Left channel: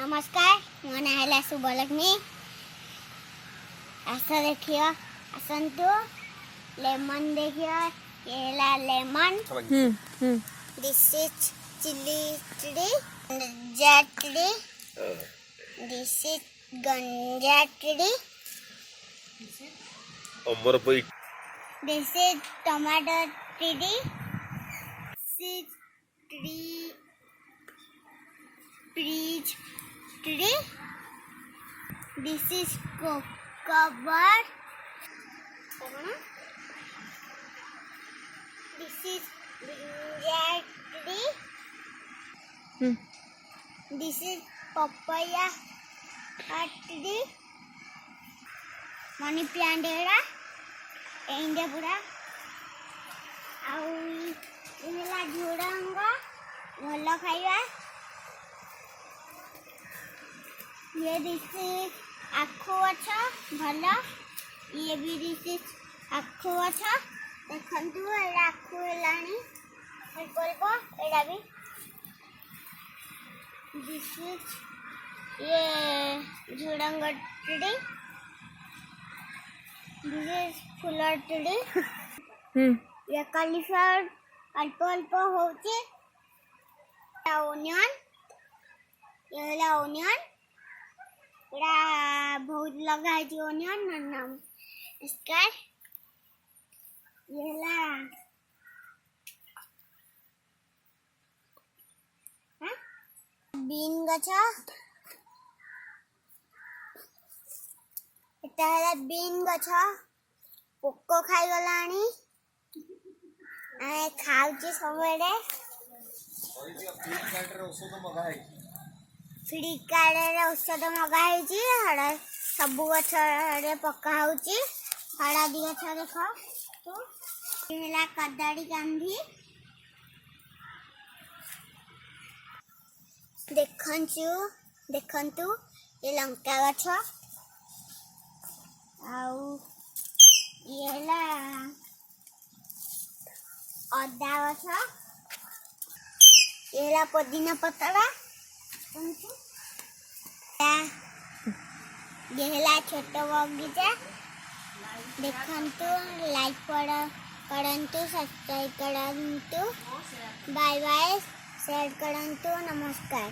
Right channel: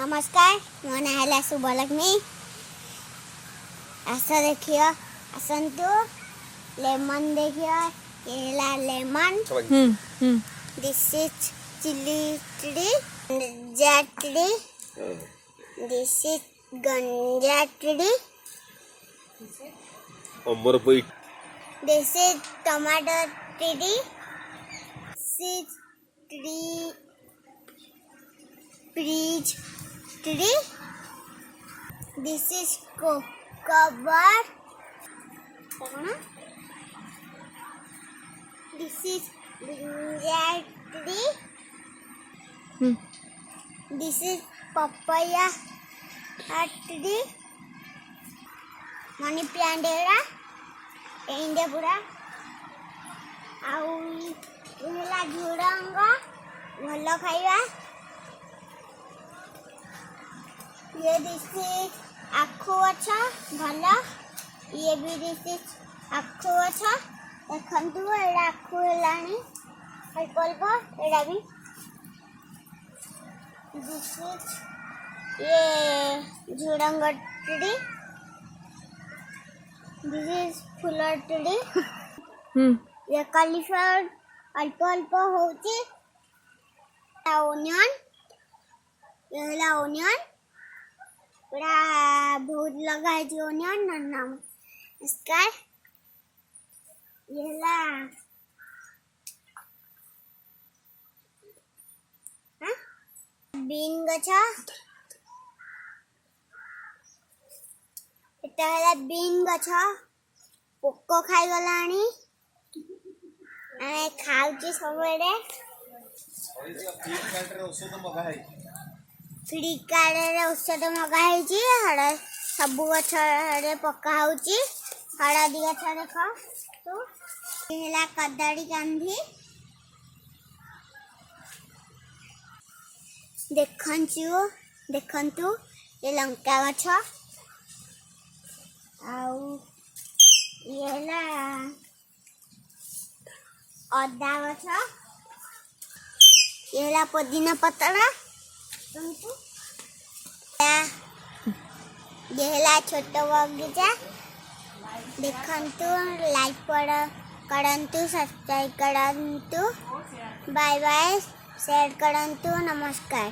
नमस्कार, मो ना है शुभलक्ष्मी। आस देखिए आसतु लेमन देखिए ये lemon. This is chilli tree, ganja tree. This is ganja tree. This is tomato tree. This tree peach tree. This is cover. This is brinjal tree. This is papaya tree. Money plant era. India pura. Au इला झुडंग भल खाइबा। ये this आखु अच्छा भल। ये भी this आखु अच्छा देखंतु एडा आखु हेलानी हेल्प एडा भी। दिस ये झुडंग ट्री। This full tree. ये कॉलीफ्लावर अल्प अल्प होची। ओनियन ये होला ओनियन पूरा बहुत लगा है जो ओनियन नाम इसका ये होला बीन गछा। एटा होला बीन गछा पोको खाई गलानी। आए खाउची सबेरे फ्लिपकार्ट औषध मगाई हड़ा सब गछ पका होची। हळदी गछ देख तू हेला कदड़ी कांधी देखंतु ये लंका गछ आउ ये हेला अदा गछ। ये हेला पुदीना पतरा। ये हेला छोट बगीचा देखंतु लाइक करंतु सब्सक्राइब करंतु बाय बाय शेयर करंतु नमस्कार।